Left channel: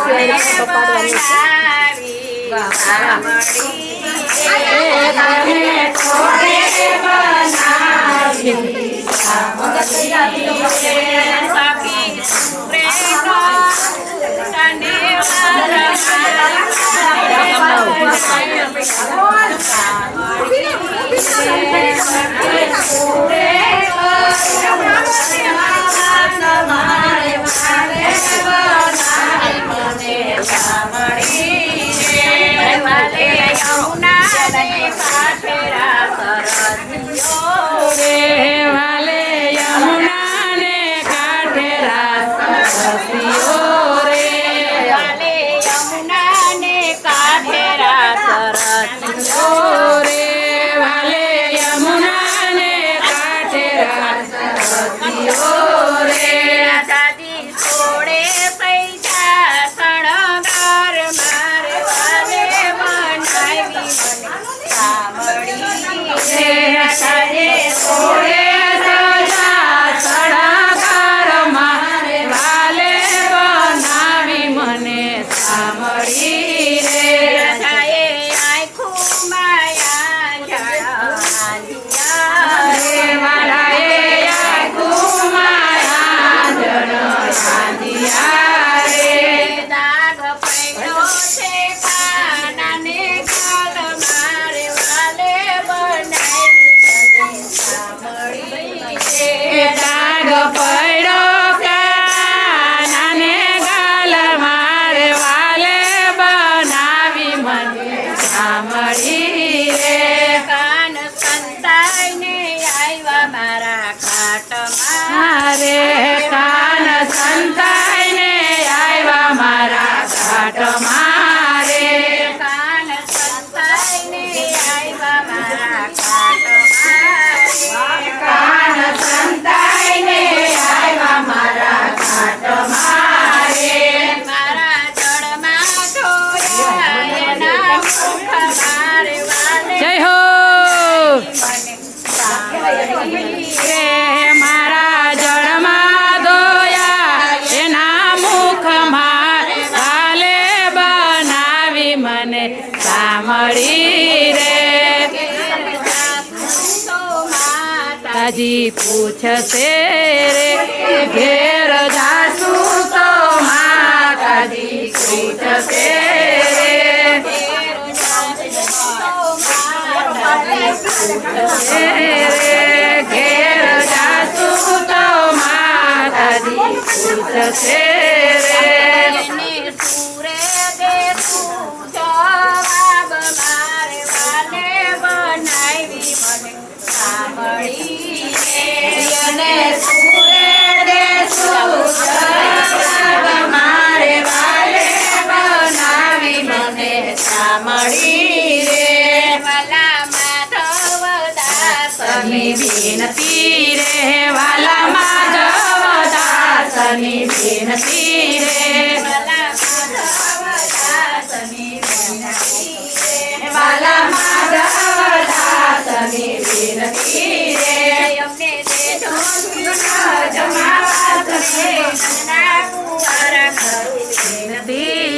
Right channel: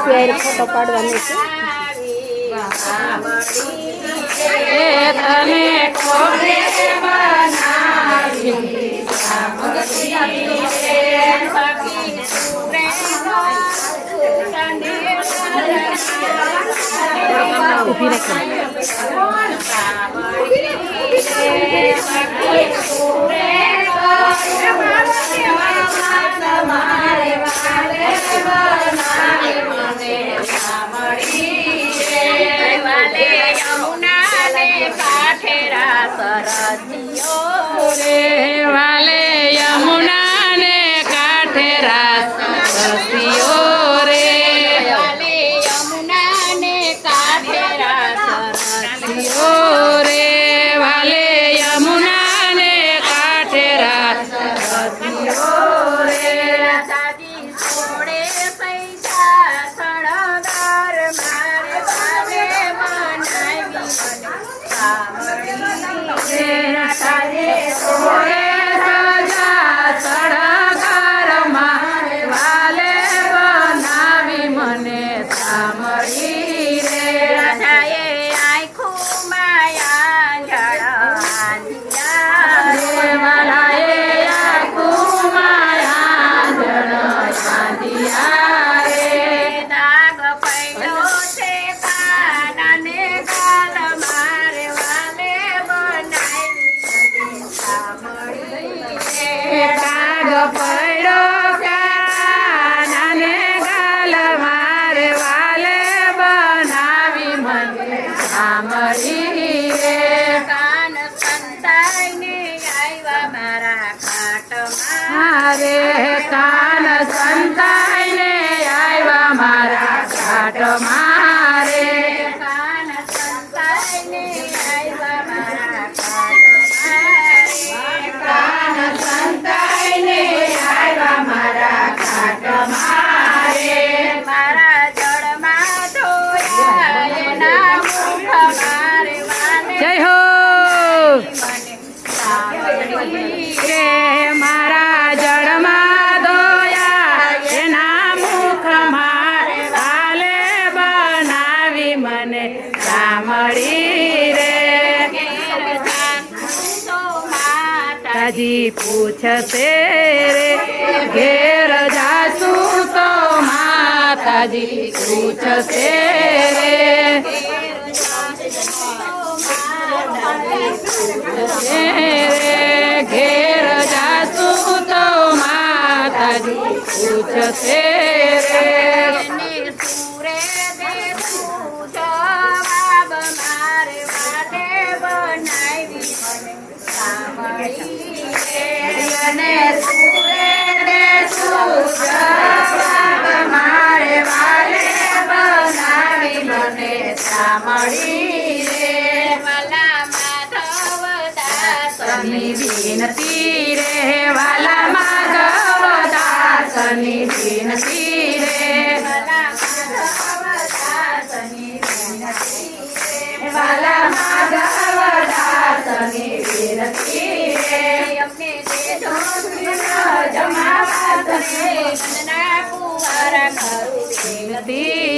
Terima kasih Yamuna ને કાઠેરા સરદીઓ રે. ಕಾಟ ಮಾ માતાજી પૂછશે રે, ઘેર જાશું તો માતાજી પૂછશે રે. ઘેર જાશું તો માતાજી પૂછશે રે. વિનતી રે બાલા માધવ દાસની વિનતી રે અમને દેજો જમાવા તમે નાકુવાર કરું વિનતી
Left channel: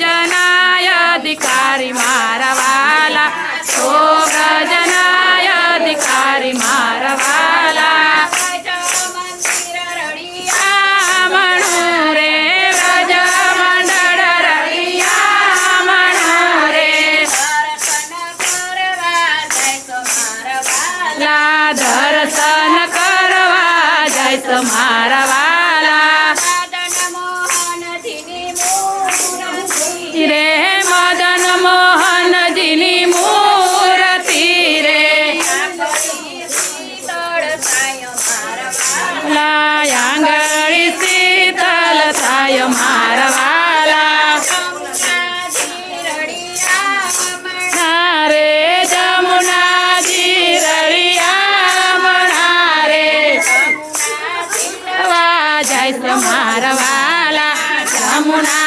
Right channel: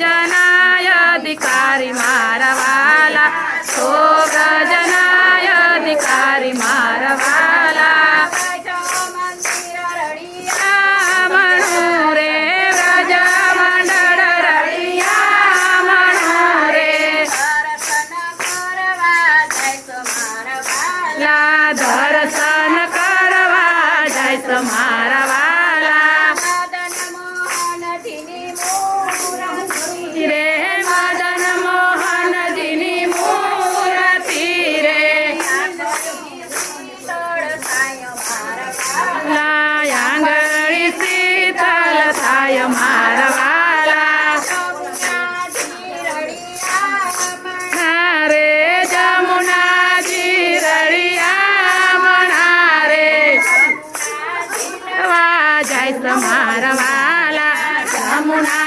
ગજનાય અધિકારી મારા વાલા છો ગજનાય અધિકારી મારા વાલા દર્શન వైశ్వమారవాల రామునా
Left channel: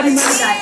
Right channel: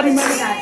તારી માં